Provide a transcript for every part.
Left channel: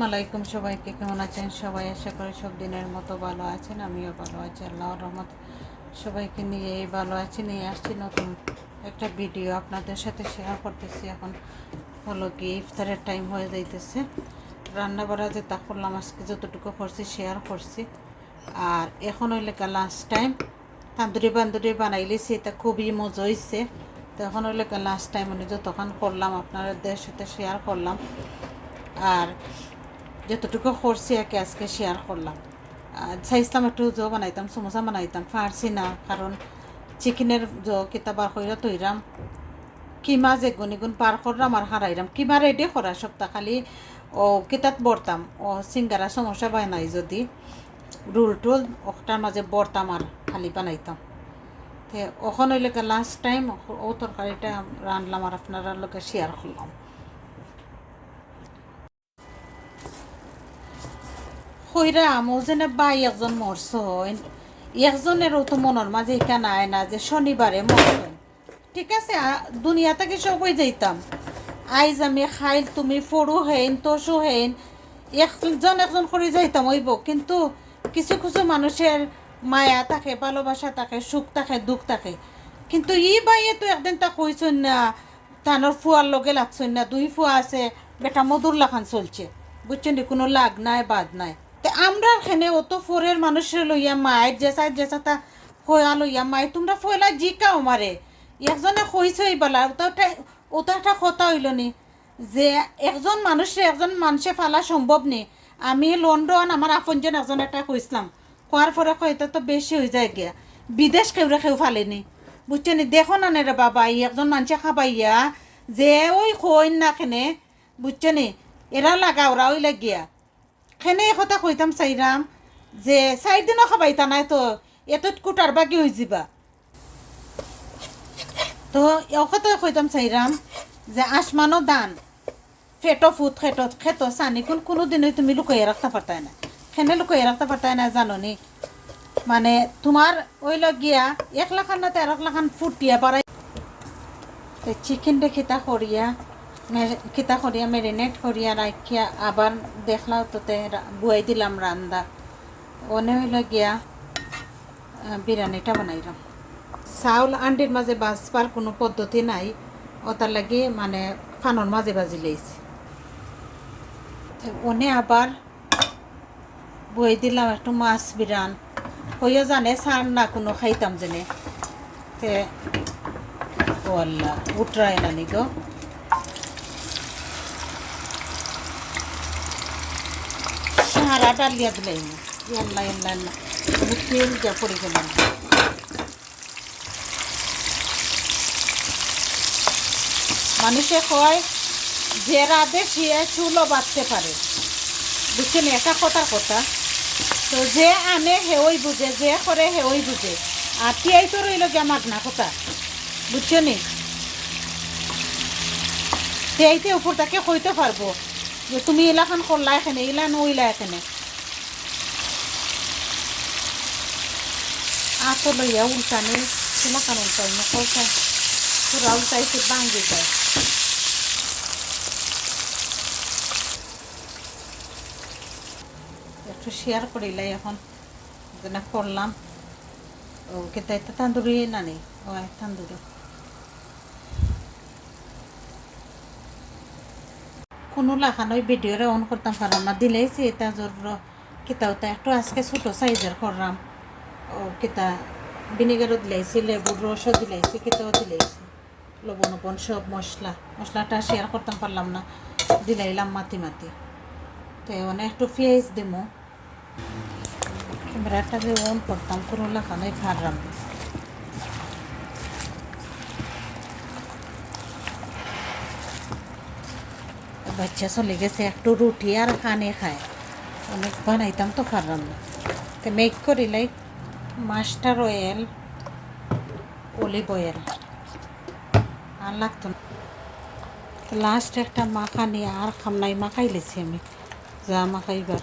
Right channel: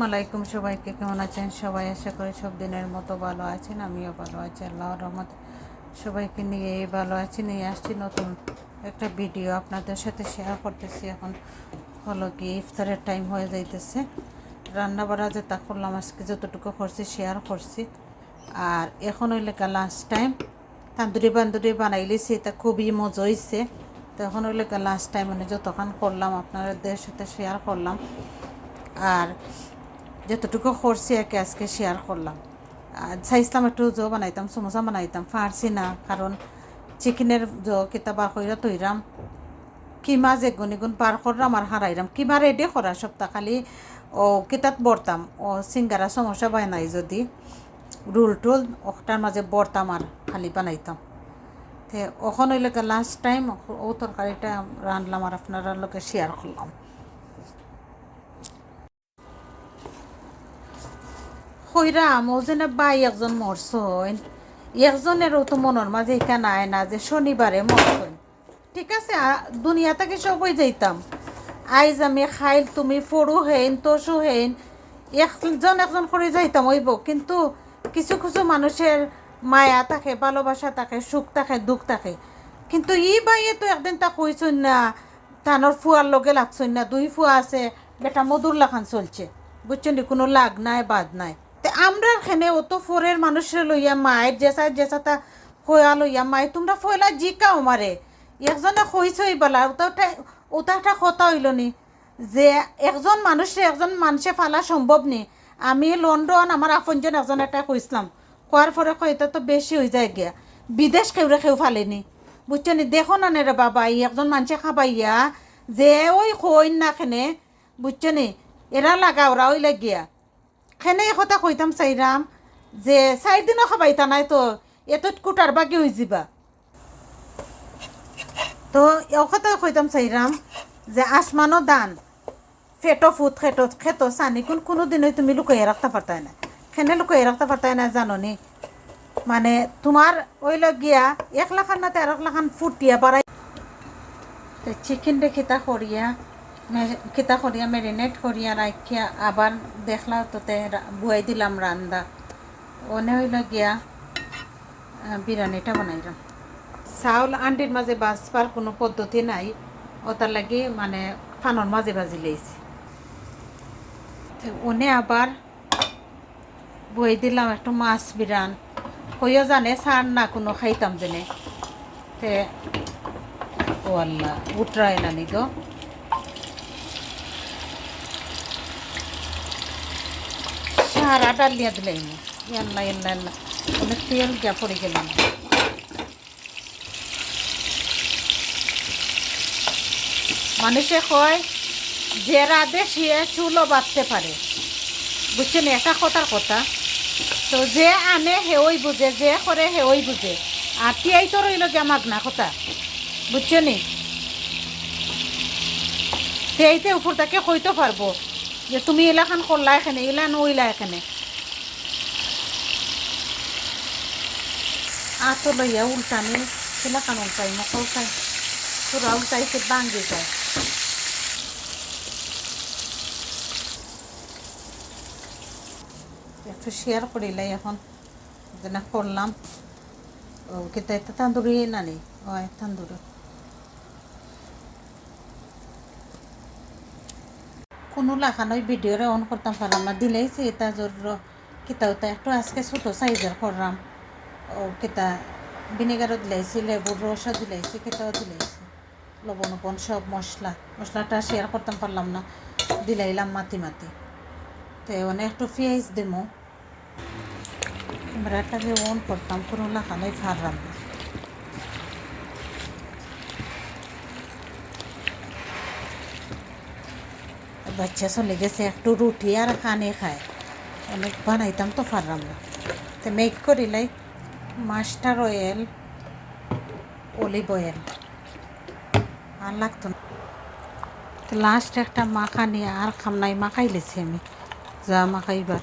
আসসালামু আলাইকুম সবাইকে, কেমন আছেন সবাই? আশা করি সব দিনের মতো ভালো আছেন। আমিও ভালো আছি, আল্লাহর রহমতে সবাইকে নিয়ে ভালো আছি। নিয়ে আসছি নতুন একটা ভিডিও আপনাদের সাথে শেয়ার করতেছি। এখন হলো কি ইফতারের টাইম হয়ে যাইতেছে। রান্না বাড়া যেটা করলাম আজকে যতটুকু করছি শেয়ার করছি। আর এখন হইলে লাঞ্চ টাইম, তান্দুরি বান্দুরি বানাইলেছি, এটা খুবই মজা হয়েছে। তো এখন হইলে লাঞ্চ টাইম, মানে যতক্ষণ করলাম আপনাদের সাথে শেয়ার করলাম। আর যতটুকু করছি আর কি আজকে শেয়ার করলাম। চাইছিলাম একটু বানাইতাম, সমোসা বানাইতাম, পারছি না, কারণ চিকেনের কিতাবা কইরা তৈরাম কিমা যে গুণিগুণ পার করলাম আর হারাইলাম কিমা রেডি করা সপ্তাহ খালি ও কিতাত বরতাম ও সিঙ্গারা সমোসা বানাই যদি রুল টুল ওটার মাঝে বরতাম আর খালি বানাইতাম। তো ওখান হইলে লাস্ট টাইম ও তরকারিটা রানলাম আর আপনারা লোকে শেয়ার করলাম। হইরা মোজেনে বাই একজন মরছইন, একজনেরও তো মনের মাঝে এখানে আয় না যে শনিবারে মরছইন। ঠিক আছে, দুনিয়া থেকে সবই যাইতাম। আইজ আমি খাইল তুমি ফড়ু হেন তসু হেন একজন করে যাইতাম হইব, কিন্তু কিছু কিছু মানুষের মায়া থাকে, ভালোবাসা থাকে, সুখ থাকে, দুঃখ থাকে। কিন্তু ই বাইয়ে তো একদিন তা কইছইন না, তানোর ফুয়ার লগে লাগছইন না, দুই ফুয়া আছে, বেটা মধুর লাখান চলছে, বুঝছেন, কোনো লাগ নাই বাদ নাই। তে আমরা এখানে অত ফোরের মানুষের লইয়া মায়ের জেসা কয়া লইয়া মাই তোমরা ফয়লা জিকাও মারে একজনে কইছই বলা ওটা একটা কথা হইল নি যে একজন মানুষে ফালা সম্ভব নি। আমি লন্ডন আমার আপনজন একজন একটা কইসলাম, কোয়ার পরে কয়টা তো বেশি হয়ে যায় গিয়া বিদেশ কেউ ফালেনি, বুঝছো নি। দেখো না রে বাবা, একজন মানুষে খাবাইয়া যে ওই কইন না খেনে, বুঝছো নি, এরা লাগা ওরা ওই লাগিয়া খেনে কথা কইতাম চাইরাম যে 4 দিনও খাবাইতা নাই তো এতত কুটার বাকি হয়ে যাবা। তো এও কথা কইতাম চাইরাম যে আসমানো দান ফেটো ফুট খেতো সানি কোনো দিনই তুমি লুকাইয়া রাখতে পারতাই না। খেনে লুকাইয়া রাখতে পারতাই না জানো নি, মানে তোমার ওই গিয়া 1 লাখ না 13 লাখ ফুটিয়া বাড়াই চিকেন খিতা করিয়া ম্যারিনেট করিয়া রাখিয়া আবার দেখলাম তোতে বুয়াই দিলাম রান্দা। ওনে হইল গিয়া বিরিয়ানিটা বানাইলাম। চাউল আন্ডির মাঝে বাজবার কোনো পদ্ধতি নাই, ওটার লাগি মানে ফানোর মাঝে বাজি লেইছি। ওনে আবার বই দিলাম একটু মাছ বিরান হইয়া জানে সার না কোনো খাইতাম জেনে। তে ও আল্লাহ উঠরাই নানি গো, সারা ডালিয়া দিলাম। ইয়াল্লা ইয়াল্লা ইয়াল্লা অনেক তেল গিয়া পড়ে গেলাম। মানুষে কয় যে রাধে সে চুলও বাঁধতে পারে, বুঝছেন, এটা কথার কথা। তো যে আনে হেওই বুঝে, যে করে হেওই বুঝে, আর তিয়াই তো রইল গিয়া মাগনা কথা, বুঝছো নি। তিয়াইতে উপর তাকে কইতে পারবো যে তুমি এলাকান করলা এখানে, এলান ওইলা এখানে আতো লইয়া উল্টানি এলাকান উল্টাই মা উল্টাই তোরা উল্টাইছে বাঙ্গি যায়। একটু শেয়ার করিলাই এখন যেন করলাম। ও কিন্তু এটা তান্দুরি নানি, ও তান্দুরি কোনো লাখানোই ভিডিওরে অন করতাম পারলাম না, দিলেইছি এটা জোর কিতা ওটা একটু আজকে ছোটো সাইজের করলাম। ও কিতা ভিনেগারও দিলাইছি, লেবুর রসও দিলাইছি, কিতাও দিলাইছি, লবণ সব মশলাটা শেয়ার করতাম পারলাম না, দিলাইলাম মাতি তো অনেক একটু পেঁয়াজ দিমো। ক্যামেরাটা যে অন করতাম কোনো লাখানোই পারলাম না। বাচ্চা চলে গেছে, একটু রুটি আর খানে খায়, অনেক বানাইতাম তো পারলাম না। তো মেক করিলাই মাস্টার অয়েল, অলিভ অয়েল আর লাগতো না। লাস্ট একটা মাখা নিয়ে আর খামনাই মাখাই লেছি আমি, যা মাখাইবার।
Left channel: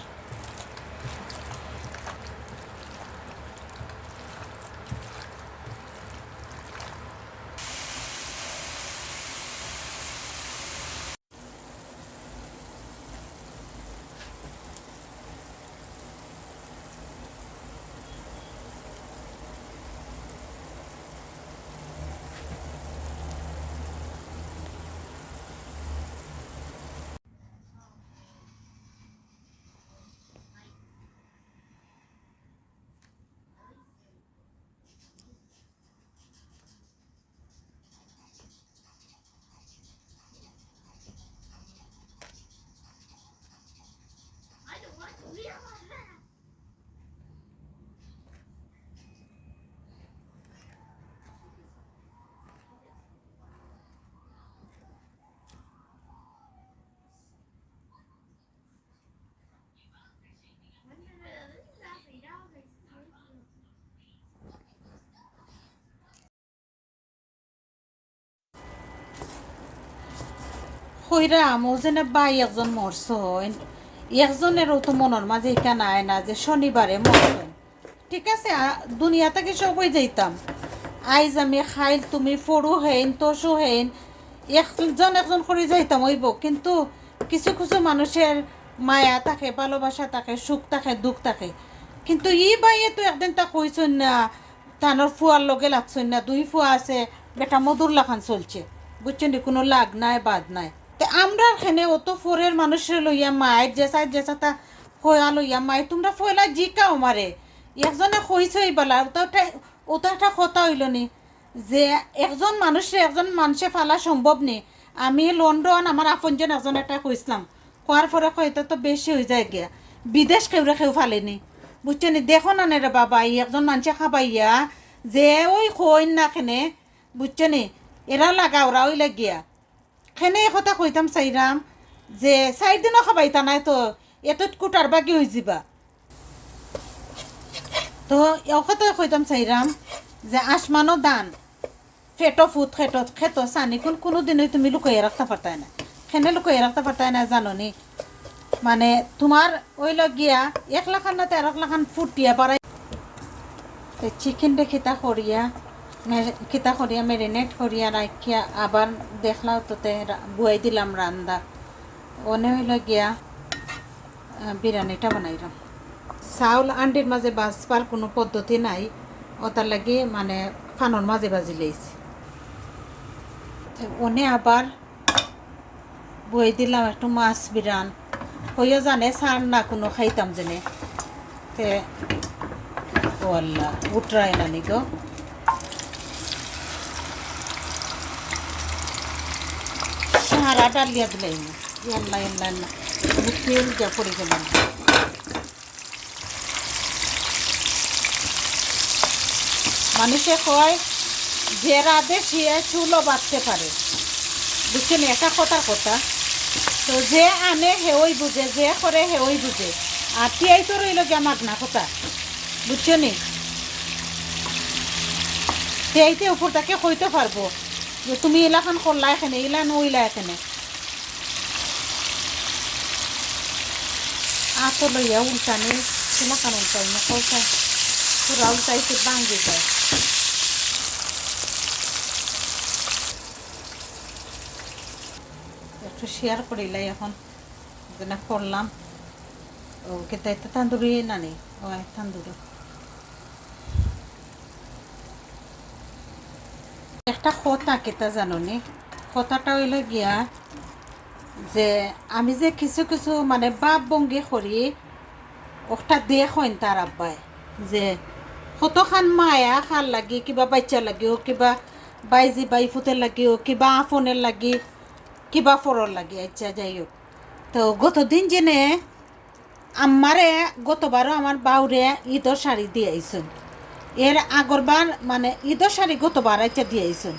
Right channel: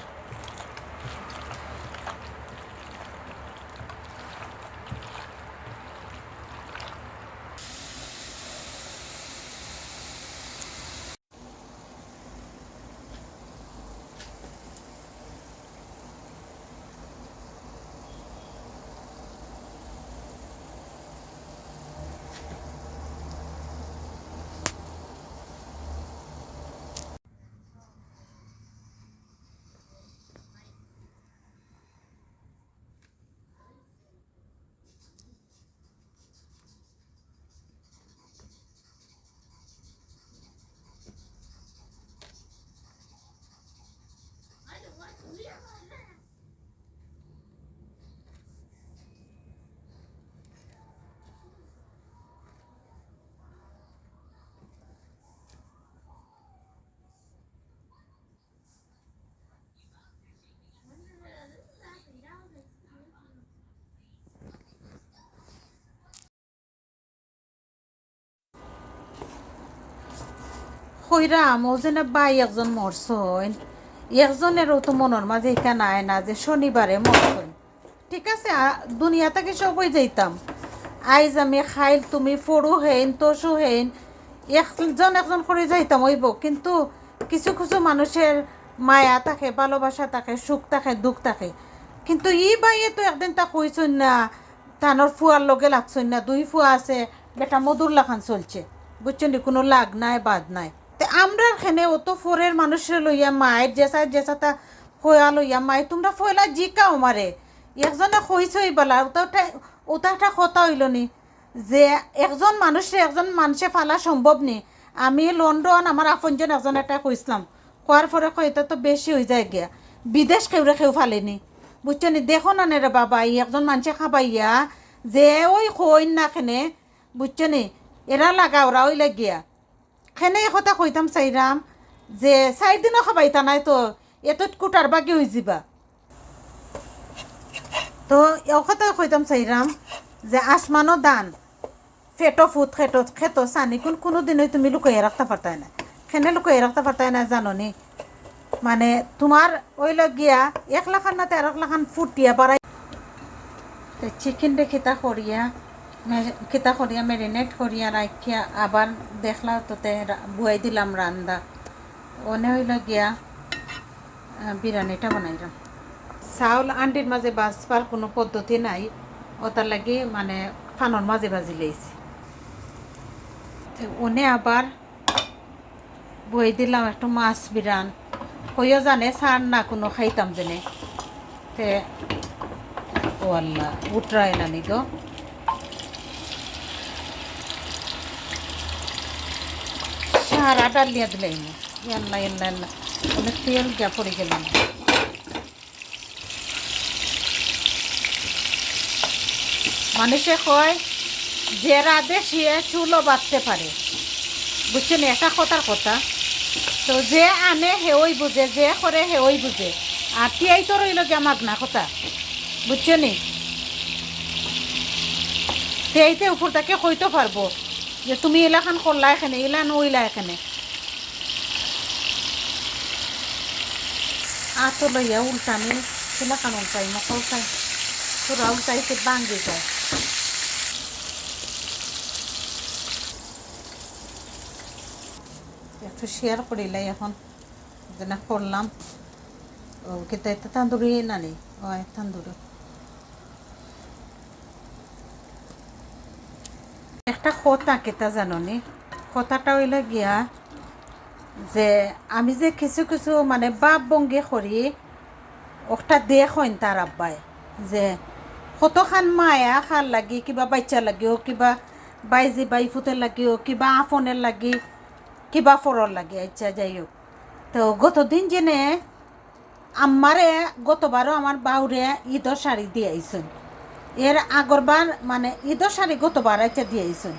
হইরাম ও যেন বাই একজন মরছইন একজনেরও তো মনের মাঝে এখানে আয় না যে শনিবারে মরছইন ঠিক আছে দুনিয়া থেকে সবই যাইতাম আইজ আমি খাইল তুমি ফড়ু হেন তসু হেন একজন একজন করে যাইতাম হইব কিন্তু কিছু কিছু মানুষের মায়া থাকে ভালোবাসা থাকে সুখ থাকে দুঃখ থাকে কিন্তু ই বাইয়ে তো একদিন তা কইছই না টানোর ফুয়ার লগে লাগছই না দুই ফুয়া আছে বেটা মধুর লাখান চলছে বুঝছেন কোনো লাগ নাই বাদ নাই তে আমরা এখানে অত ফোরের মানুষের লইয়া মায়ের জেসা তা কয়া লইয়া মায় তোমরা ফয়লা জিকাও মারে একজনে কইছই বলা ওটা একটা কথা হইল নি যে একজন মানুষে ফালা সম্ভব নি আমি লন্ডন আমার আপনজন একজন একটা কইসলাম কোয়ার পরে কইতে তো বেশি হয়ে যায় গিয়া বিদেশ কেউ ফালেনি বুঝছেন দেখো না রে বাবা একজন মানুষে খাবাইয়া যে ওই কইন না খেনে বুঝছেন এরা লাগা ওরা ওই লাগিয়া খেনে এই কথা কইতাম চাইরাম যে 4 দিনও খাবাইতা নাই তো এত কুটার বাকি হয়ে যাবা তো এও কথা কইতাম চাইরাম যে আসমানো দান ফেটো ফুট খেতো সানি কোনো দিনই তুমি লুকাইয়ে রাখতে পারতাই না খেনে লুকাইয়ে রাখতে পারতাই না জানো নি মানে তোমার ওই গিয়া 1 লাখ না 13 লাখ ফুটিয়া বাড়াই চিকেন রে খিতা করিয়া ম্যারিনেট করিয়া রাখিয়া আবার দেখলাম তোতে বুয়াই দিলাম রান্দা ওনে হইল গিয়া বিরিয়ানিটা বানাইলাম চাউল আন্ডির মাঝে বাজবার কোনো পদ্ধতি নাই ওটার লাগে মানে ফানোর মাঝে বাজি লেছি ওনে আবার বই দিলাম একটু মাছ বিরান হইও জানে সার না কোনো খাইতাম জেনে তে ও আল্লাহ উঠরাই না নি গো সারা ডালিয়া দিলাইম আল্লাহ অনেক তেল গিয়া পড়ে গেলাম মানুষে কয় যে রাধে সে চুলও বাঁধতে পারে বুঝছেন এটা কথার কথা তো যে আনে হেওই বুঝে যে করে হেওই বুঝে আর তিয়াই তো রইল গিয়া মাগনা কথা বুঝছেন তিয়াইতে উপর তাকে কইতে পারবো যে তুমি এলাখান করলা এখানে এলা নইলা এখানে আতো লইয়া উল্টানি এলাখান উল্টাই মোক উল্টাই তোরা উল্টাইতে বাঙ্গি যায় একটু শেয়ার করিলাই এখন যেন করলাম ও কিন্তু এটা তান্দুরি নানি ও তান্দুরি একটা কথা কেতা জানো নি কথাটা হইল গিয়া যে আমি যে কিছু কিছু মানে বাপ বঙ্গি করি ওটা দেখইন তার আব্বাই যে কতখান মায়া খান লাগি কিবা বাচ্চা লাগিও কিবা বাইজি বাইফুতের লাগিও কিবা আফনের লাগি কিবা ফরর লাগে আচ্ছা যাই হোক তো গতদিন জেনে আমারে গতবারও আমার বাউরে ঈদর শাড়ি দিয়ে আইসুন এর আগরবার মানে ঈদর শাড়ি গতবার আচ্ছা দিয়ে আইসুন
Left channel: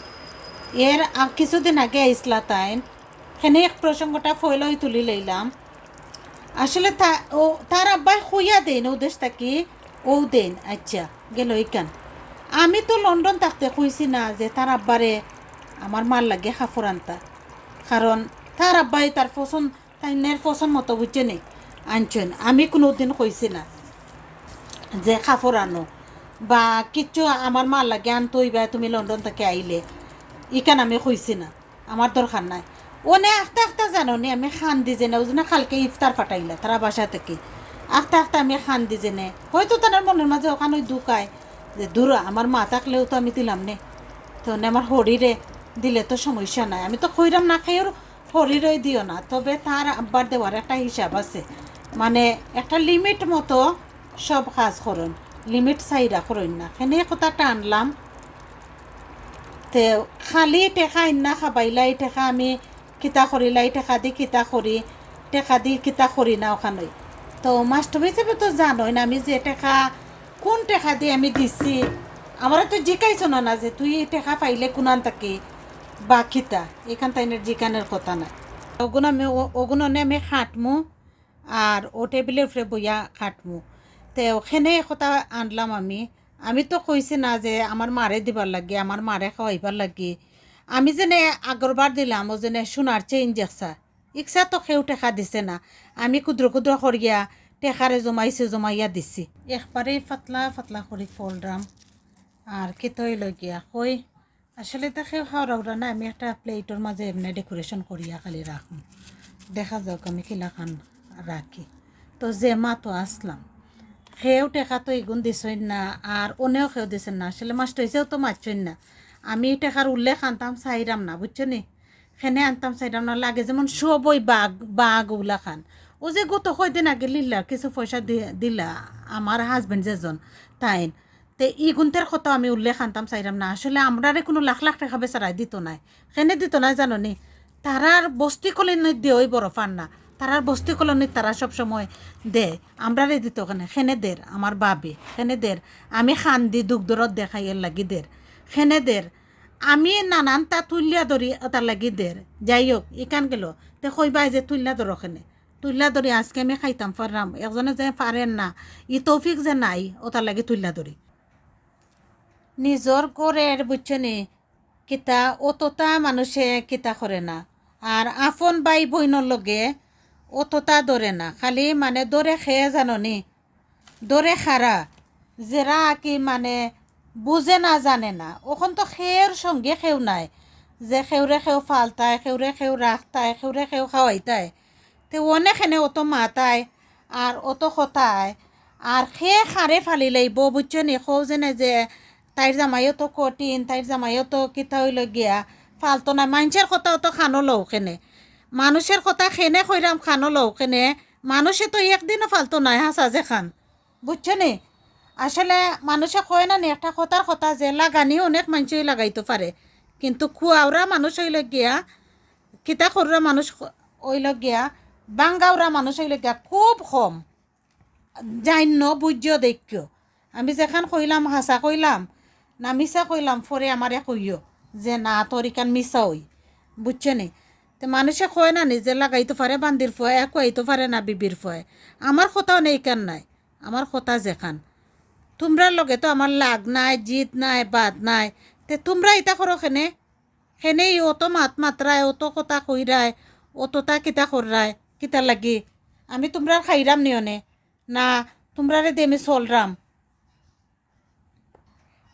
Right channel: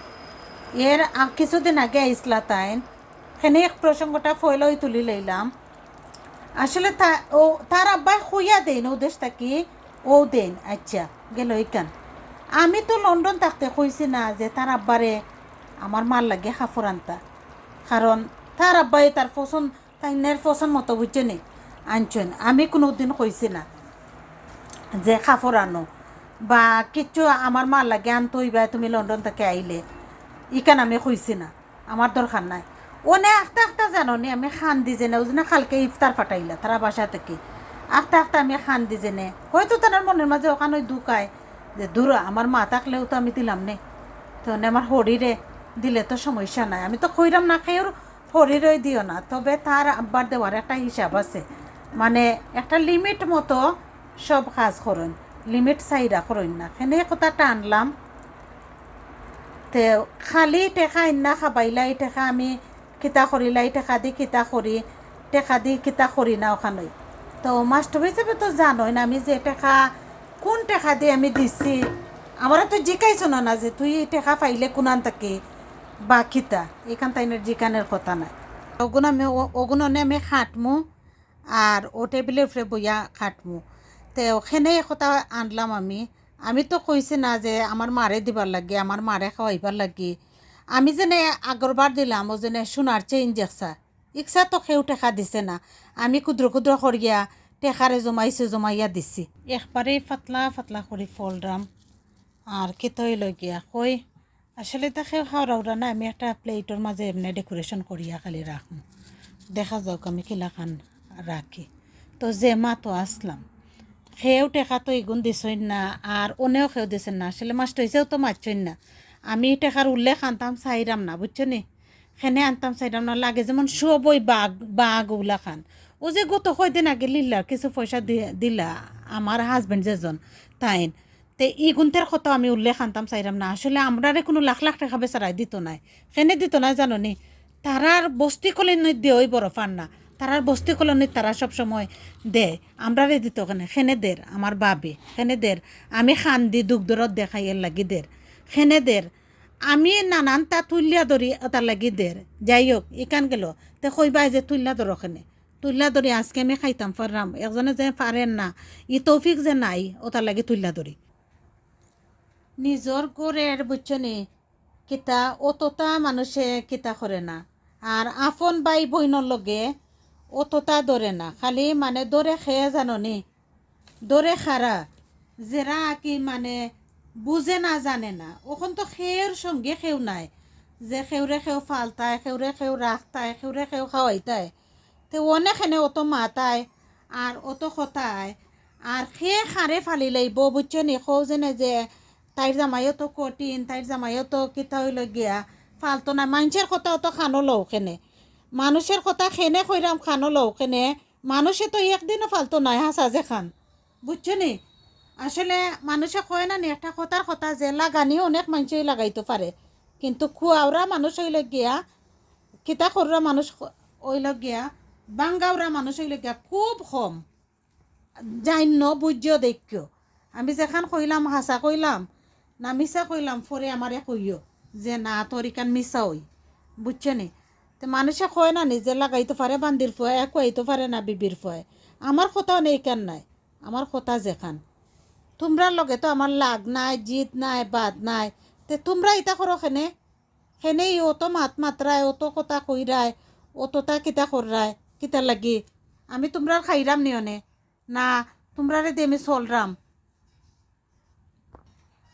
এর কিছুদিন আগে আইসলা তাই সেনে এক প্রসঙ্গটা ফয়লই তুলি লইলাম আসলে তার আব্বাই খুইয়া দেন ও দেশ থাকি ও দেন আচ্ছা গেল ইকান আমি তো লন্ডন থাকতে কইছি না যে তার আব্বারে আমার মার লাগে কাপড় আনতা কারণ তার আব্বাই তার তাইনের পছন্দ মতো বুঝছে নেই আনছেন আমি কোনো দিন কইছি না যে কাপড় আনো বা কিচ্ছু আমার মার লাগে আনতই বা তুমি লন্ডন থেকে আইলে ইকান আমি কইছি না আমার দরকার নাই ওনে আস্তে জানো নি আমি খান দি জেনে ওই জন্য কালকে ইফতার ফাটাইলা তারা বাসা থেকে আস্তে আমি খান দি জেনে হয়তো তার মনের মাঝে ওখানে দুকায় যে দূর আমার মা থাকলেও তো আমি দিলাম নে তো আমার হরিরে দিলে তো সমস্যা নাই আমি তো কইরাম না খাই ওর হরিরই দিও না তবে তার আব্বার দেওয়ার একটা হিসাব আছে মানে একটা লিমিট মতো সব কাজ করুন লিমিট চাইরা করুন না সেনে কথাটা আনলাম তে খালি টেকা ইন্না খাবাইলাই টেকা আমি কিতা করিলাই টেকা দি কিতা করি না ওখানে তো মাস্টার হিসেবে তো জানোই না আমি যে টেকা কোন টেকা দিয়ে আমি দিছি আমার তো জিকাইছ না যে তুই টেকা পাইলে কোনান থাকি বা কিতা এখান তাইনের জিকানের কথা নাই ওগুণনে আমি খাটমু আর ও টেবিলের উপরে বইয়া খাটমু তো ওখানে কথা আনলাম আমি তো কইছি না যে আমার মারে দিবার লাগে আমার মারে খাওয়াইবার লাগে আমি যেনে আগরবার দিলাম ও যেনে সোনার চেইন দেখছা ইচ্ছা তো সেও টেকা দিছে না, আমি ক্ষুদ্র ক্ষুদ্র করিয়া টেকারে জমাইয়া দিছি। একবারেই পাতলা পাতলা করে ফলরাম আর খেতে লগিয়া কই আসলে তাকে খাওয়া না, আমি একটা প্লেটের মাঝে এমনি ডেকোরেশন করিয়া খালি রাখুন, দেখা যাক আমি কিলাখান রাখি। তো যে মা তো আসলাম সেও টেকা তো এগুন দিছই না, আর অনেও সেও দিছেন না, আসলে মাছটা হয়েছেও তো মারছই না। আমি টেকার উল্লেখ আনতাম চাইরাম না, বুঝছো নি, সেনে আনতাম চাইরাম না, লাগে যেমন সবই বাঘ ওগুলা খান। ও যে গত কয়দিন আগে লিল্লা কিছু পয়সা দিলা আমার হাজবেন্ড যেজন তাইন, তে ই গুণতের কথা আমি উল্লেখ আনতাম চাইরাম না। আসলে আমরারে কোনো লাখ লাখ টাকা বেচারাই দিত নাই, সেনে দিত নাই জানো নি, তারার বস্তি কলোনিত দিয়ে ওই বড় ফান না, তারার বস্তি কলোনিত তারা সবসময় দে, আমরারে দিত কেন সেনে দের, আমার বাবে সেনে দের, আমি খান দি দুগ্ধরত দেখাইয়ের লাগি দের, সেনে দের, আমি নানান তা তুলিয়া ধরি তার লাগি দের। যাই হোক ইকান গেল তে কইবা যে তুলিয়া ধরো খেনে, তুলিয়া ধরি আজকে আমি খাইতাম পারলাম, একজনে যে পারেন না ই তৌফিক যে নাই ও তার লাগি তুলিয়া ধরি। নিজর গড়ের বুঝছেনি কিতা অতটা মানুষে কিতা করে না, আর আপন বাই বইনর লগে অতটা ধরে না, খালি মানে দরে খেয়ে জাননি, দরে খারা যেরা কি মানে বুঝে না জানে না, ওখান তো খেয়ের সঙ্গে খেউ নাই, যে খেউরে খেউ ফালতায়, খেউরে খেউ রাখতায়, খেউরে খেউ খাওয়াইতায়, তে অনেকখানে অত মাতায় আর অত খতায়, আর খেয়ে খারে ফালি লাইব বুঝছো নি, খৌ যেনে যে তাইর জামাইও তো কঠিন, তাইর জামাইও তো কিতা হইল গিয়া ফালতো না, মানুষের কথা অত খানো লও কেনে, মানুষের কথা খেনে খৈরাম খানো লও কেনে, মানুষে তো একদিনও ফালতো নাই হাসা যে খান, বুঝছো নি। আসলে মানুষে কয় না নি একটা কথার কথা যে লাগানি অনেক মানুষই লাগাইতে পারে, কিন্তু খুয়াওরা মানুষ হইল গিয়া কিতা কররা মানুষ হইল গিয়া বাঙ্গাওরা মানুষ হইল গিয়া খুব কম, জান্য বুঝ্য দেখিও। আমি যেখান কইলাম হাসা কইলাম না মিছা কইলাম পরে আমারে কইও যে না তোর ইকান মিছা হই, বুঝছে নি। তো মানুষে কয় না নিজে লাগাইতে পারে বান্দির ফয়, এক হইতে পারে না বিবির ফয়। আমার কথাও নেই কান নাই, আমার কথা যেখান তোমরার লগে তো আমার লাগ নাই, জিত নাই, বাদ নাই, তে তোমরা ইতা করো খেনে, সেনেই অত মাত মাত্রায়, অত কথা কইরায়, অতটা কিতা কররায় কিতা লাগি, আমি তোমরা খাইরাম নিয়নে না তোমরারে দিয়ে আমি চলরাম।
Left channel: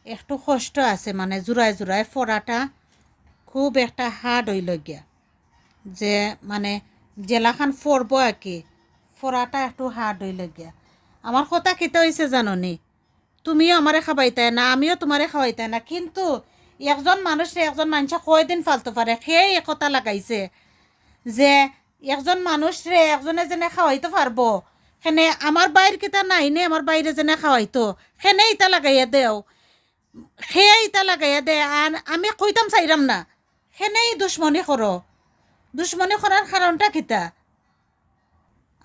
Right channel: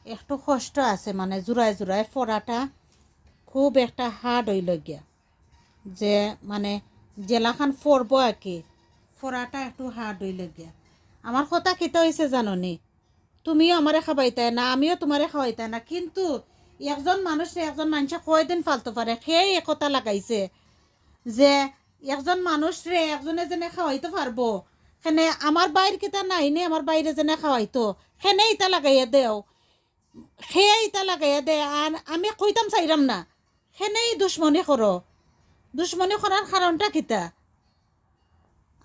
একটু কষ্ট আছে মানে জোড়ায় জোড়ায় ফোড়াটা খুব একটা হার্ড হইল গিয়া, যে মানে জেলাখান ফোরব আর কি, ফোড়াটা একটু হার্ড হইল গিয়া। আমার কথা কিতা হয়েছে জাননি, তুমিও আমারে খাবাইতাই না, আমিও তোমারে খাওয়াইতাই না, কিন্তু একজন মানুষে একজন মানুষে কয়দিন ফালতে পারে, সেই একতা লাগাইছে যে একজন মানুষরে একজনে যেনে খাওয়াইতে পারবো, সেনে আমার বাইর কিতা নাই নে আমার বাইরে যেনে খাওয়াইতো সেনে ইতা লাগাইয়া দেও, সেয়াই ইতা লাগাইয়া দে, আর আমি কইতাম চাইরাম না, সেনেই দুশ্মনী করো। দুশ্মনী করার কারণটা কিতা,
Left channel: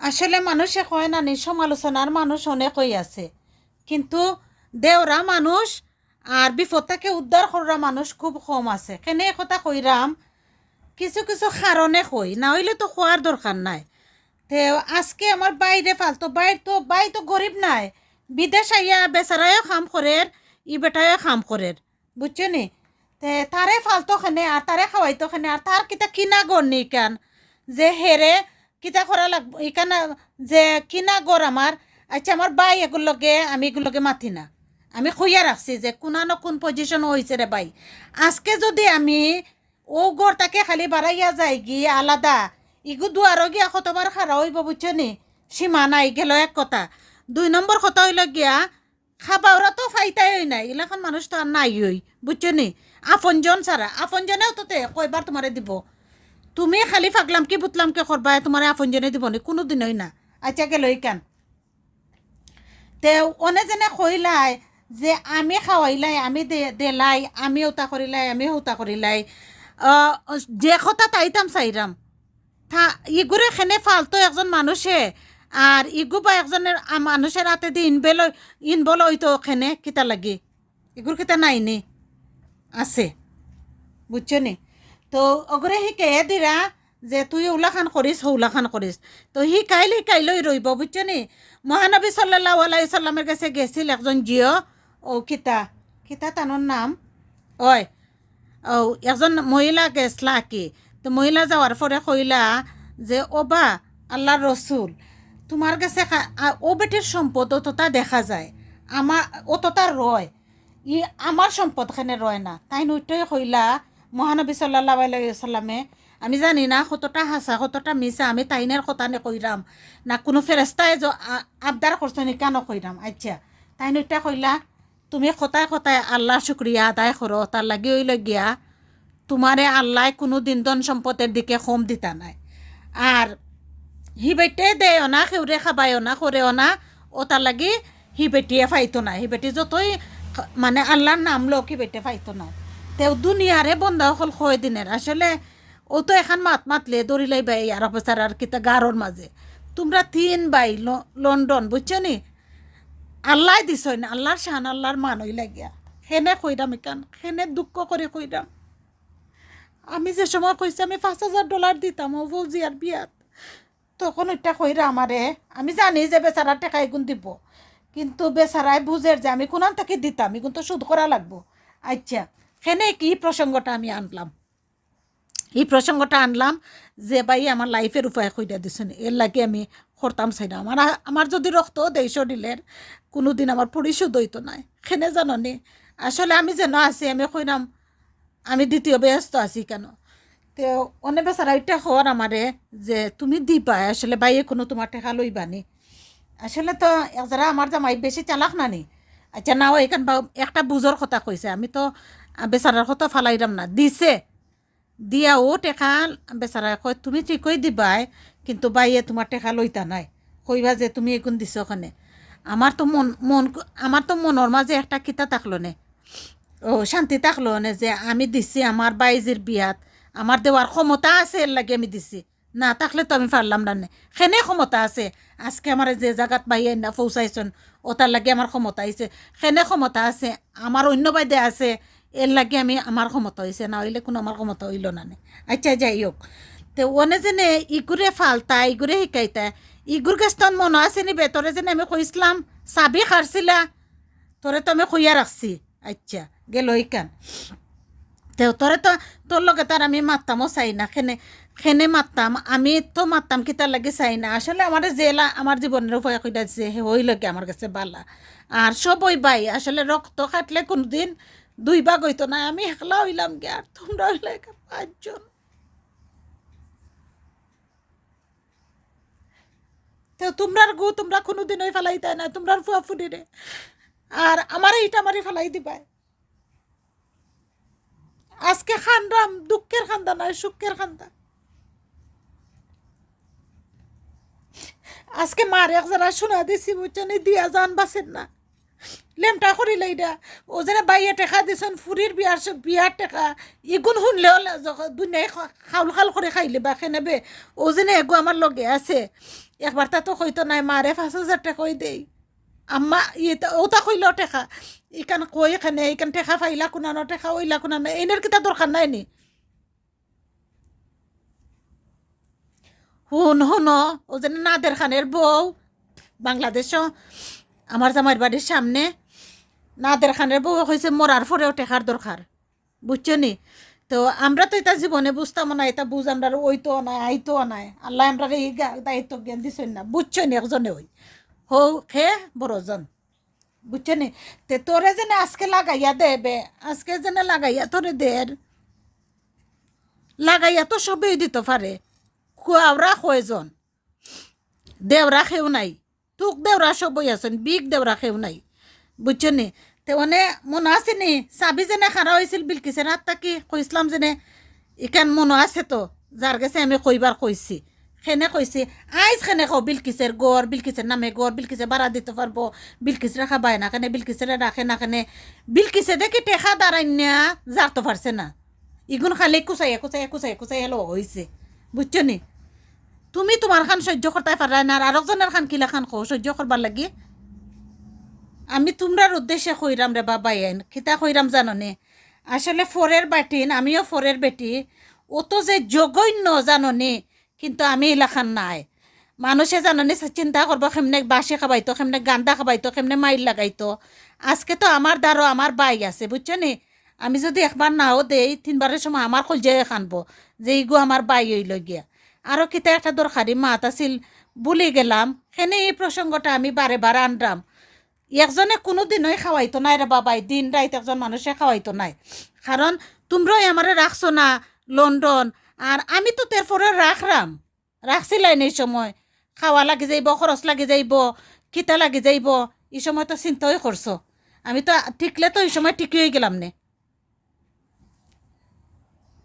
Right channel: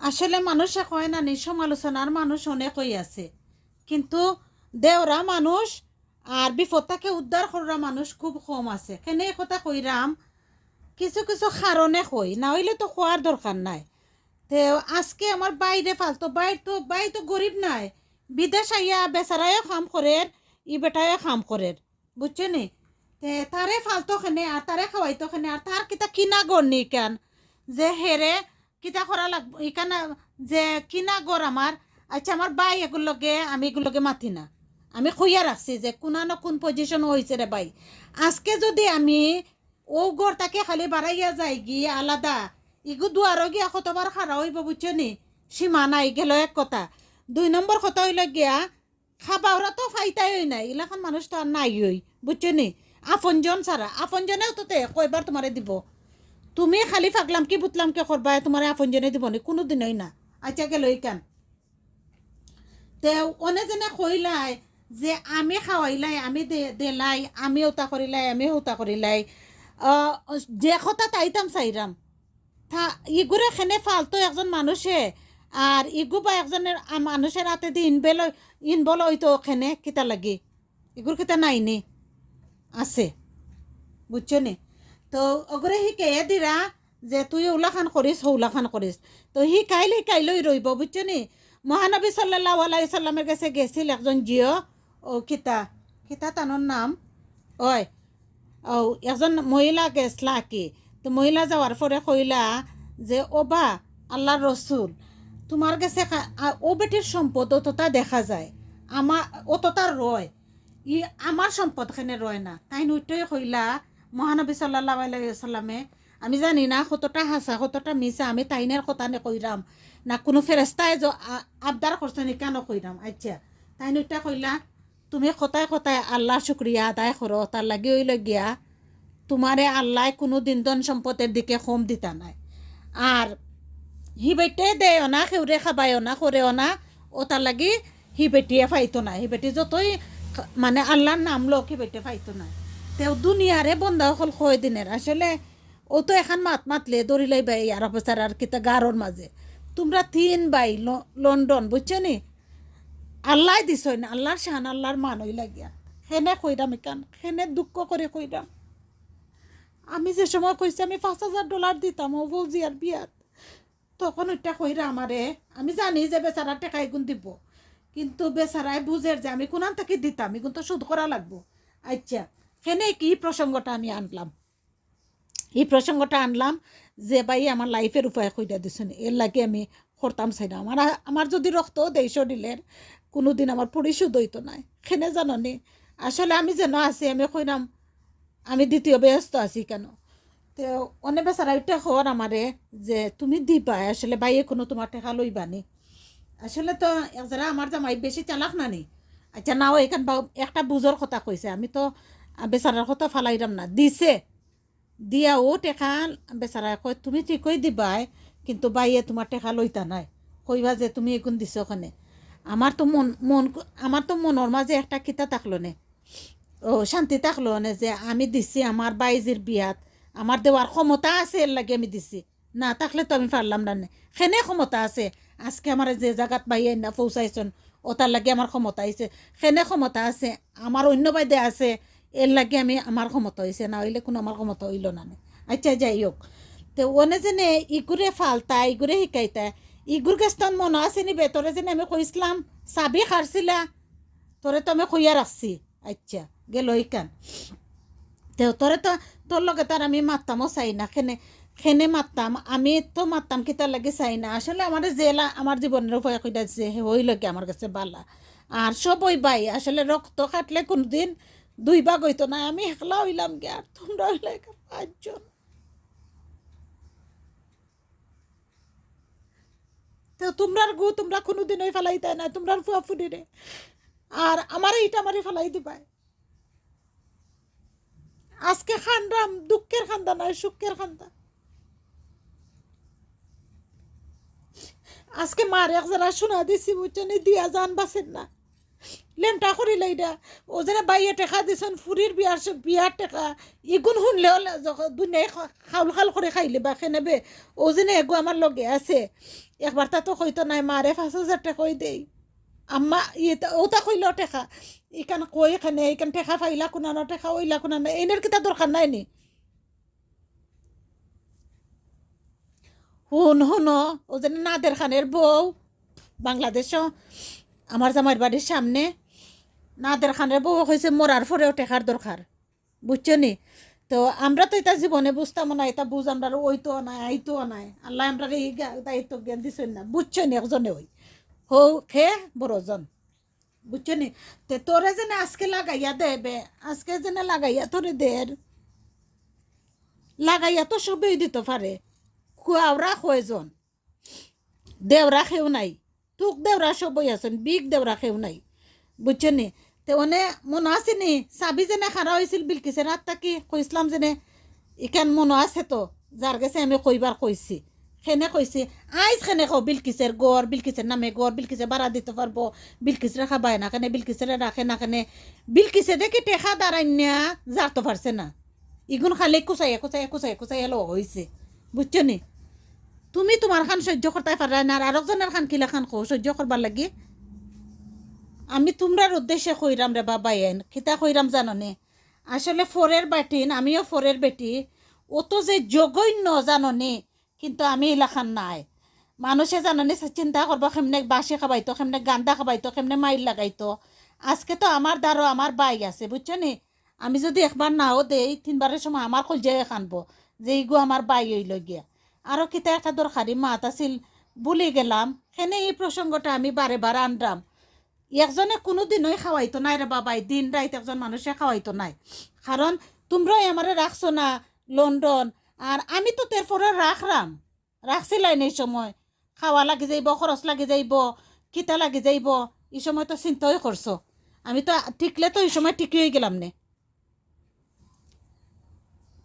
আসলে মানুষে কয় না নি সমালোচনার মানুষ অনেকই আছে, কিন্তু দেওরা মানুষ আর বিপদ থেকে উদ্ধার করা মানুষ খুব কম আছে। কেনে কথা কইরাম কিছু কিছু কারণে কই, না হইলে তো খোয়ার দরকার নাই। তে আজকে আমার বাইরে ফালতো বাই তো গরিব নাই, বিদেশ আইয়া বেচারায়ও কাম করে, ই বেটায়ও কাম করে, বুঝছো নি। তে তারে ফালতো খানে আর তারে খাওয়াইতো খানে, আর তার কিতা কিনা গড় নি কান যে হেরে কিতা করা লাগবো ইকানা, যে কিনা গড় আমার। আচ্ছা আমার বাই এগুলোকে আমি এগুলোকে মাতি না, আমি খুইয়া রাখছি যে কোনানো কোন পজিশন হয়েছে রে বাই, আজকে যদি আমি ও গড়টাকে খালি বাড়াইয়া যাই গিয়ে আলাদা, ইগু দুয়ারও গিয়া কতবার খারা হইব বুঝছো নি, সীমা নাই গেল এক কথা। 2 নম্বর কথা হইল গিয়া খাবা ওরা তো ফাইতাই হই নাই, এলাকান মানুষ তো আর নাই হই, বুঝছো নি। আপনজন ছাড়া আপনজনেও তো কয়বার তোমারে দিব, তুমি খালি ফাগলাম কি বুতলাম কে করবা, তোমার আপনজনে দিব নি কোনো দিনই না। আচ্ছা গেল কেন তে অনে যেনে কইলাই যে আমি খাওয়াইলাই, আমি দেলাই, আমি ওটা করিলাই, আমি ওটা করিলাই, যে কথা তাইতাম চাইরাম থা ইগুরে খেনে ফালতো একজন মানুষে, আর ইগু বা একজনের মানুষের হাতে দিয়ে ইনবল হইতো খেনে কিতা লাগে, এগুর কিতা নাই নি আছে, বুঝছো নি। তো অগরে শিকাইয়া দিরা যে তুই ওলাখান করিস হৌলাখান করিস, তো শিকাইলই রইব, বুঝছো নি। মহানবী সাল্লাল্লাহু আলাইহি সাল্লামের কাছে গেছিল একজন জিও, ও কিতা কিতা তানোর নাম ওই, ও একজন মহিলা গেছলা কি, তো মহিলা যাওয়ার পরে কইলা যে ওবা আল্লাহর রসুল তোমার কাছে ও বেটির সম্পদ অতটা দেখা যায়, আমার অতটা রয়, আমার সম্পদ খানে রয় না, তাই নইটই কইলা মহানবী সাল্লাল্লাহু আলাইহি সাল্লামে, আমি জানি না কতটা হাসা কতটা মিছা, আমি তাইনের কথা নে কইরাম না কোনো ফেরেস্তায় আবদার করছো নি কেন কইরাম। আচ্ছা তাই নইটা কইলা তুমি কথায় কথায় আল্লাহর শুক্রিয়া আদায় করো, তার লাগি ওই লগিয়া তোমারে আল্লাহ কোনো দিন ধন সম্পদের দিকে কম দিতা নাই। আর হি বেটে দেও না খেউরে খাবায়ও না করেও না, ও তার লাগি হি বেটিয়ে ফাইতো না, হি বেটি যতই মানে আল্লাহর নাম লোক হি বেটে ফাইতো না। তেও দুনিয়ারে বন্ধা হল কয় দিনের আসলে ও তো এখন মাতলে দৌড়িলাই বাই আর অফিসার আর কিতা গারোর মাঝে তোমরা তিন বাই লন্ডন বুঝছো নি, আল্লাহ দিছ না, আল্লাহর শান আল্লাহর মান হই লাগিয়া সেনে কইরাম এখান সেনে দুঃখ করে কইরাম। আমি যে সময় কইছি আমি $5,000 দিতাম ও ফৌজিয়ার বিয়াত, তখন ওইটা কইরা আমারে, আমি জানি যে বেচারার টাকা এগুন দিব, কিন্তু বেচারাই বুঝের যে আমি কোনান থেকে দিতাম এগুন তো সুদ করা লাগবো। আচ্ছা সেনে কি প্রসঙ্গটা আমি আনলাম, এই প্রসঙ্গটা আনলাম যে ভাই আমার লাইফের উপায় কইরা দিছেন, এর লাগে আমি করতাম চাই না, আমার যদি রক্ত দেই শরীরের কোনো দিন আমার পরিশোধ হইতো নাই। সেনে জাননি আসলে আমি যেন আছি আমি কইরাম আমি দ্বিতীয় ব্যস্ত আছি কেন। তো অনেক বেচারা এটা হওয়ার আমারে যে তুমি দিবা আসলে বাইয়ে কোনো তোমার টেকা লইবানি, আসলে তো যারা আমার জামাই বেশি চালাক নানি। আচ্ছা নাও এখান বা একটা বুঝোর কথা কইছে, আমি তো বেচারার কথা ফালাইলাম না, দিছে দিয়া ও টেকা বেচারা কয় তুমি ঠিকই দিবাই কিন্তু বাইয়ে তোমার টেকা লইতা নাই, কইবা যে তুমি এগুন দিছ ওখানে। আমার তো আমার তো মনের মাঝে একটা কিতা থাকলো নে, ও শান্তি থাকলো না যে আমি দিছি আমার বাইজির বিয়াত আমার দেওয়ার ক্ষমতা আছে এর লাগে আমি দিছি, না থাকলে তো আমি পারলাম না। সেনে ক্ষমতা আছে আজকে আমার যে জায়গাত বাইয়ে না পৌঁছাইছন ও তার লাগে আমার ক্ষমতা হয়েছে, সেনে ক্ষমতা আছে আমার অন্য বাইদে আছে এর লাগে আমি আমার ক্ষমতা হয়েছে, না হইলে কোনো আমার ক্ষমতা হইল না। আচ্ছা যাই হোক, তো ওনে যেনে ইগুরে ফালতা ইগুরে শিকাইতা ইগুর কাছ তোর মনে আছে নিবে তোরে যেন আমি কইসলাম চাবি খারছিলা তোরে তো আমি খুইয়া রাখছি। আচ্ছা গেল ইকান তোরে তো তোর লগে তার আমি মারতামও চাই না, খেনে মারতাম আমি তো মারতাম কি তার লাগে চাই না, আসলে আমার জেলা আমার জীবনের উপায় কইটা দিছে হই লগে আমার কাছে বালা। আর সব ওই বাই আসলে রক্ত কাটলে কোনোদিন দুই ভাগ হইতো না, আমি একলা হইলাম গে আর তোমরা হইলে 5 জন। তো তোমরার গু তোমরা কোনোদিন ওই ফেলাইতে না তোমরার ফুয়া ফুডি রে, আর আমার এইটা আমারই ফেলাই দিবাই। আজকে খান্দাম দুঃখের খান্দা নয় সুখের খান্দা, আজকে মার এক যারা শোনা দিছি বুঝছেন দিয়া যান বাসেন না লেমটা করিলে এটা ও যেন বাইয়ে টেকা দিছেন ফুরির বিয়ার টেকা ইগুন শুনলেও দুনিয়ায় খাউল খাল করে খাইলে বা খেনেবে ও যেন এগো আমার লগে আছে একবার তা তো কইতো নাই মারে 5,000 টাকা কই দেই আম্মা ইয়ে ওটা কইলেও টেকা ইকান কই এখানে ইকান টেকা ফাইলা কোনানো টেকা ওইলা কোনানো এনের কিতা দরকার নাই নি। হুন ও যেন নাদের খানের বউ বাংলাদেশও আমার জামাইয়ের বাড়ির সামনে নাদের খানের বউ হয়েছে মরার পরেও টেকার দরকার বুঝছো নি। তো আমরা তো এটা জীবনে বুঝতাম না, এটা বুঝ আমরা ওইতো নাই আইতো নাই আল্লাহ আমরা এই দায়িত্ব জ্ঞান দিচ্ছেন না বুঝছো নি একজনে ওই হৌ খে বড়জন বুঝছো নি। তে তোরে যেন আজকে লাগাইয়া দেবে আজকে যেন লাগাইয়া তোরে দের লাগাইয়া তো সবই দিতে পারে, খুয়াওরা কয়জন দেওরা খেউ নাই তুক দেওরা সবই আছেন বিগ দেওরা খেউ নাই বুঝছো নি। তো অনে মনে আছে নি চাবি যেনে খারা হয়েছিল বিলকিসের হাত থাকি কইসলাম যেনে ইখান মনে আছে তো যার কাছে আমি কইবার কইছি সেনে কইছি আইজ খেনে কো বিলকিসের গড় বিলকিসের নামে গড় বিলকিসে ভাড়া দিতে পারবো বিলকিস রাখা বায় না কেনে বিলকিসের রাখে না কেনে বিলকিসে দেখে টেকা দাঁড়াই না যার তো পারছে না ইগুন খালি কুচাইয়া কুচাইয়া কুচাইয়া কুচাইয়া লো হয়েছে বুঝছো নি। তুমি তোমার খান সহ্য করতে পারা না আর আরেকজনের খান কিলা খান কো সহ্য করবার লাগে। আমি তোমরার উদ্দেশ্যে কইরাম রে বাবা এন খিতা কইরাম জাননে আসলে ফোরের বাটিন আমিও ফোরের বেটি ও তো যে জঘন্য জাননে কিন্তু আমি এলাখান নাই মানুষে জাননে চিন্তা করবো কেমনে বাসি খাবাইতো কেমনে গান্দা খাবাইতো কেমনে মাইল লাগাইতো। আজকে তো আমার দ্বারও আমার বাই আছে বুঝছো নি, আমি যদি একবার নাও দেই 3বারের সময় আমার কলজায় খানবো যে ইগো আমার বাই হইল গিয়া। আরও কিতা একটা দরকারি মাত আছিল ভুলি গেলাম, সেনে এই প্রসঙ্গটা আমি বারে বারে আনলাম। একজনে কোনো দিনই খাওয়াইতো নাই রে বাবাই, দিন রাত একজন মানুষে খাওয়াইতো নাই। কারণ তোমরাই আমারে রাখছো না লন্ডন, আর আমি তো তারপরে রাখছিলাই এই সময়। খাওয়া লাগি যাইব, খরচ লাগি যাইব, কিতা লাগি যাইব, এই সময় তো চিন্তাই করছো। আমি তো ঠিকলে তো এই সময় ঠিকই হয়ে গেলাম নে।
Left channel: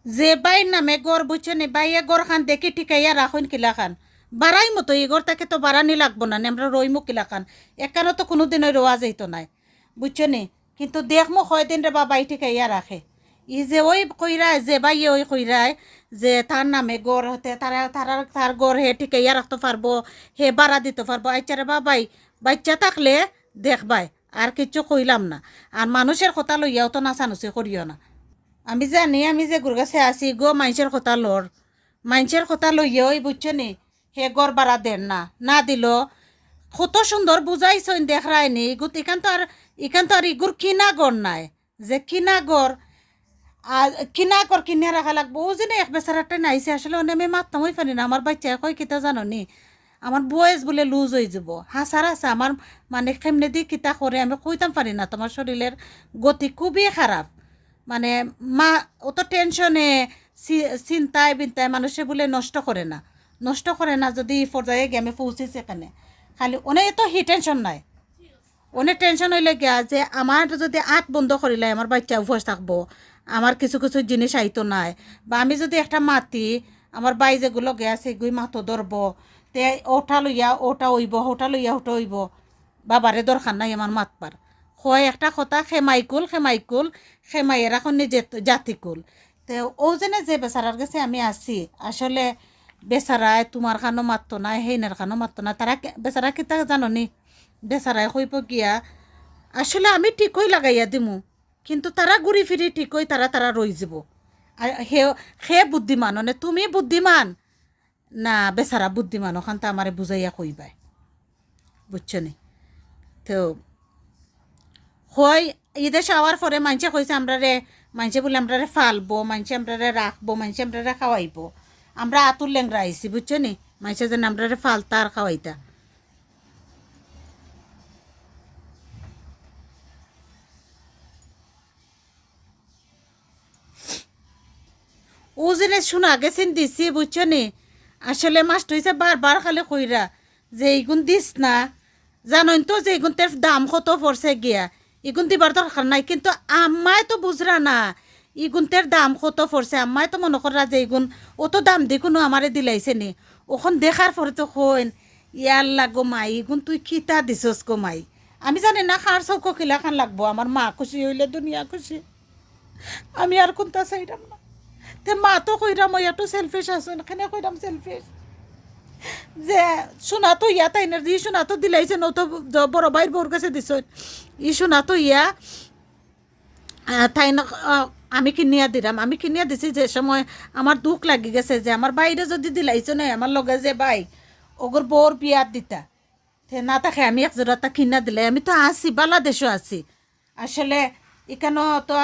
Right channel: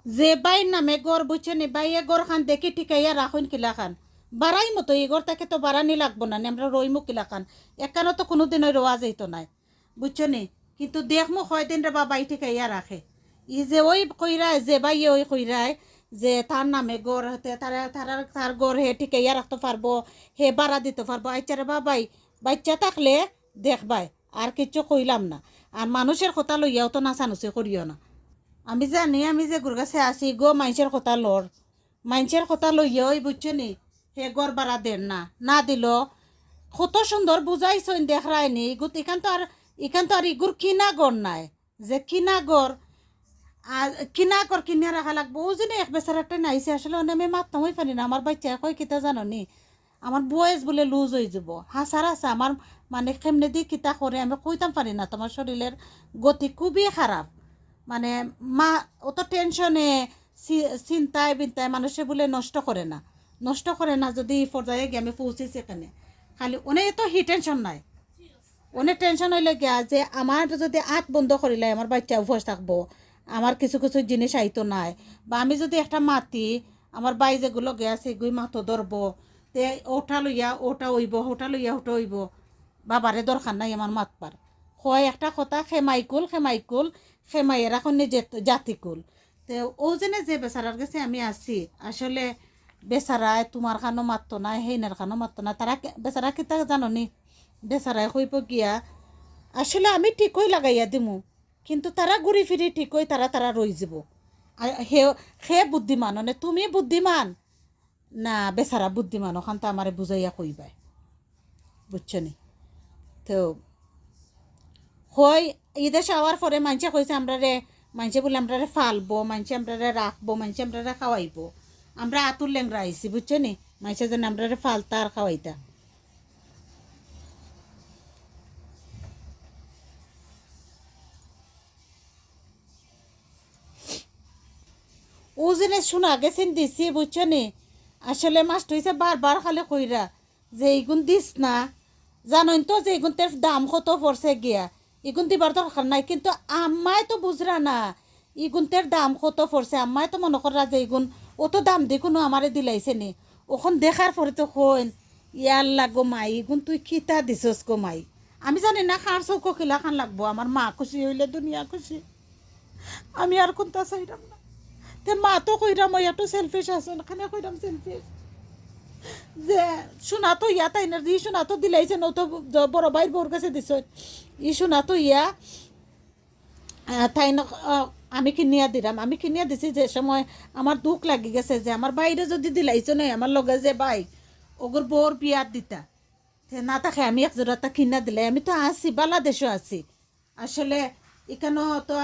যে বাইর নামে গড় বুঝছে নি, বাইয়ে গড় খান দেখি ঠিকাইয়া রাখুন কিলা খান বাড়াই মতো এই গড় তাকে তো বাড়ানি লাগবো না, আমরা রইমু কিলা খান একানো তো কোনো দিনই রোয়া যাইতো নাই, বুঝছো নি। কিন্তু দেখমো কয়দিন রে বাবাই ঠিকাইয়া রাখে। ই যে ওই কইরায় যে বাইয়ে ওই কইরায় যে তার নামে গড় হতে তার গড় হে ঠিকাইয়া রাখতে পারবো, হে বাড়া দিতে পারবো। আচ্ছা রে বাবাই, বাচ্চা থাকলে দেখবাই, আর কিছু কইলাম না। আর মানুষের কথা লইয়াও তো নাচানুচি করিও না। আমি জানি আমি যে গুর কাছে আছি গো মানুষের কথা লর, মানুষের কথা লইয়ে ওই বুঝছো নি হে গড় বাড়া দেন না, না দিল কত সুন্দর বুঝাইছেন দেখায় নি ইগুত এখান তো আর ইগুর কিনা গড় নাই, যে কিনা গড় আর কিনা গড় কিনে রাখা লাগবো। ও যে এক বেচারাটা নাইছে আসলে আমি মারতাম হই পারি না। আমার বাচ্চা কই কিতা জানো নি, আমার বয়স বলে লুজ হয়ে যাব, হাসার আছে আমার, মানে কেমনে দিয়ে কিতা করে আমি কইতাম পারি না। তোমার শরীরের গতি খুবই খারাপ, মানে মা অত টেনশনে চিন্তায় বিন্তায় মানুষে বলে নষ্ট করে না যদি পর্যায়ে গিয়ে আমি পৌঁছেছি এখানে। খালি অনেক তো হি টেনশন নাই, অনেক টেনশন হইলে গিয়া যে আমার যদি আঁত বন্ধ করিলে আমার বাচ্চা উপোস থাকবো, আমার কিছু কিছু জিনিস আইতো নাই, বা আমি যদি একটা মাতি আমার বাই যেগুলো গেছে এগুই মাতো ধরবো, তে ওটা লইয়া ওটা হইব, ওটা লইয়া ওটা হইব, বাবারে দরকার নাই আমার মাতবার। হয় একটা কথা খেমাইকুল খেমাইয়ের এখন জাতিকুল। তো ও যেনে যে বেচারার কাছে আমি আছি আসলে বেচারায় তোমার খানো মারতো না, হেইনার খানো মারতো না, তারা বেচারা কিতা জানো নি, বেচারায় কইব গিয়া আসলে আমি ঠিকই লাগাইয়া দিমু, কিন্তু তারা ঘুরি ফিরি ঠিকই তারা রই যাব। আর সে বুদ্ধিমান মানে তুমি বুদ্ধিমান না বেচারা বুদ্ধিমান ওখান তো আমারে বুঝাইয়া কইবাই, বুঝছো নি। তো হয় ঈদে আওয়ার পরে মানুষে কইছে মানুষে বলে আমরা ফালবো, মানুষে আমরা রাখবো, মানুষে আমরা খাওয়াইবো, আমরা আতুর লেংরা আইছি, বুঝছো নি। মানুষে যেন আমরা ফালতা আর খাওয়াইতা। ও জেনে শোনা গেছেন দিছি, বুঝছো নি। আসলে মাস্ট হয়েছে বারবার খালি কইরা যে এইগুন দিস না, জানোই তো যে এগুন তের দাম কত পড়ছে গিয়া, এগুন দিবার দরকার নাই। কিন্তু আম্মায় তো বুঝরা না ইগুন তের দাম কত পড়ছে, আম্মায় তো মনে করা যে এগুন অত দাম দি কোনো আমারে দিলাইছে নি। ওখন দেখার পরে তো কইন ইয়াল্লা গো মাই এগুন তুই খিতা দিছস গো মাই। আমি জানি না খার চৌকো খিলা খান লাগবো, আমার মা খুশি হইলে দুনিয়া খুশি, আমি আর কোনটা চাইলাম না। তে মা তো কইরাম মই একটু সেলফিশ আছো, এখানে কইরাম সেলফিশ যে শোনা তো ইয়া তাই না, ই শোনা তো দিলাইছে নো তো বড় ভাইয়ের বউর কাছে দিছ, ই শোনা তো ইয়া তাই না। আমি কিনিয়া দিলাম, আমি কিনিয়া দিছি যে সময় আমার দুঃখ লাগি গেছে যে আমার বাইরে যদি দিলাইছো নাই আমার লগে যে ভাই ওগর বউর বিয়াত দিতা, তে না তাকে আমি এক জোড়াটা কিনা দিলে আমি তো আছি বাংলাদেশও আছি। আসলে এখানে তো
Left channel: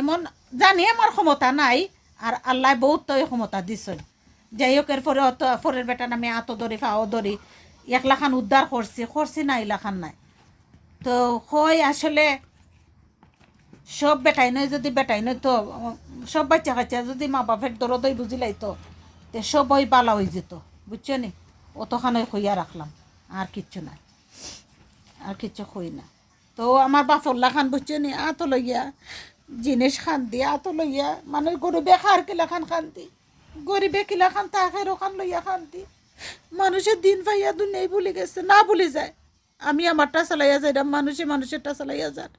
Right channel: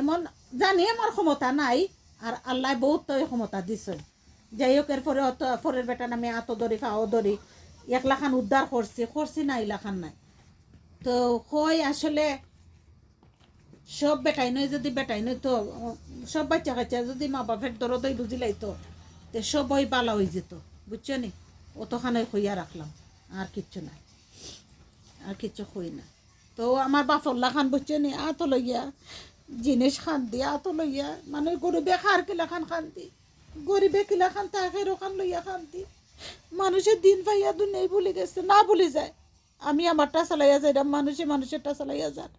এমন জানি আমার ক্ষমতা নাই, আর আল্লাহ বহুত তো ক্ষমতা দিছেন। যাই হোক এরপরে অত ফরের বেটা নামে আতো ধরি ফাও ধরি একলাখান উদ্ধার করছি না এলাখান নাই। তো হয় আসলে সব বেটাই নয়, যদি বেটাই নয় তো সব বাচ্চা কাচ্চা যদি মা বাপের দরদই বুঝিলাই তো সবই বালা হয়ে যেত, বুঝছো নি। অতখানে খইয়া রাখলাম, আর কিচ্ছু নাই, আর কিচ্ছু খই না। তো আমার বাপল্লা খান বুঝছো নি আতো লইয়া জিনিস খান দি আতো লইয়া, মানে গরিবে খার কিলা খান দি, গরিবে কিলা খান তাকের ওখান লইয়া খান দি। মানুষের দিন পাইয়া দুনিয়াই ভুলে গেছে, না ভুলে যায়। আমি আমারটা চালাইয়া যাই, মানুষেরটা চালাইয়া যান।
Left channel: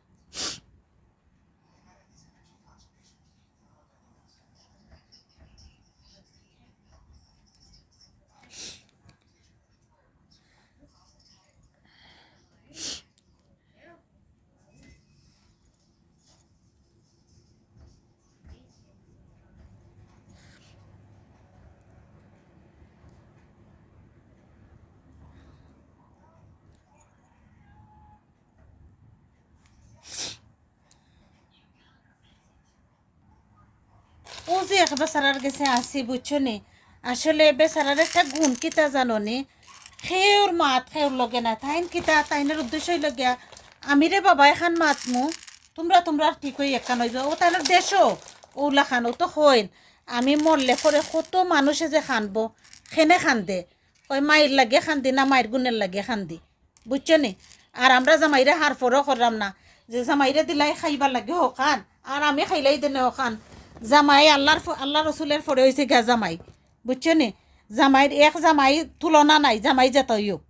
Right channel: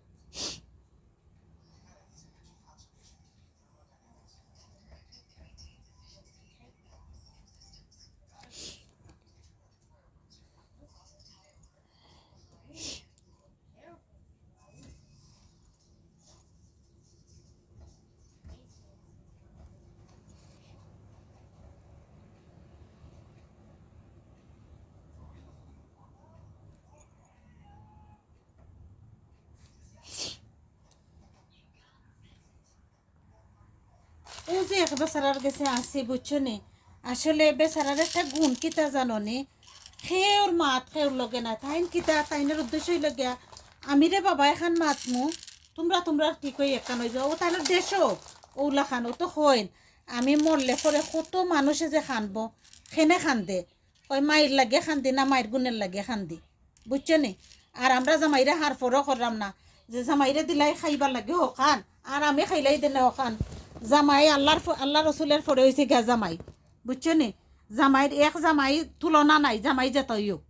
ও যে এক বেচারার গেছে আসি, বুঝছো নি। আসলে বেচারার একটা গুণ কিতা জাননি, খেউর মাত খেউর লগে না তাইন কিতা তাইনের উদ্দেশ্য লগিয়া আমি রে বাবা এখান মাতমু তোমরা ঠিক হই একটা নই ও তাইনের দেশও ওলা খান ও তো হইন আমি মরলে পরে কত মানুষে যে খানবো খেনে খান্দে ওই মায়ের লাগে খান্দি না মায়ের গুণের লাগে খান্দি বুঝছো নি। আর আমরা জামাইরে হার ফরও করলাম না যে জামাইরে দিলাই খাইবার লাগে হকান আর আমি খাইলাই দিনে হকান। জামাই আল্লাহ রসুলের ফরে হয়েছে গা জামাই বুঝছো নি। জামাইয়ের এক জামাই তুলনা নাই জামাই যতই হোক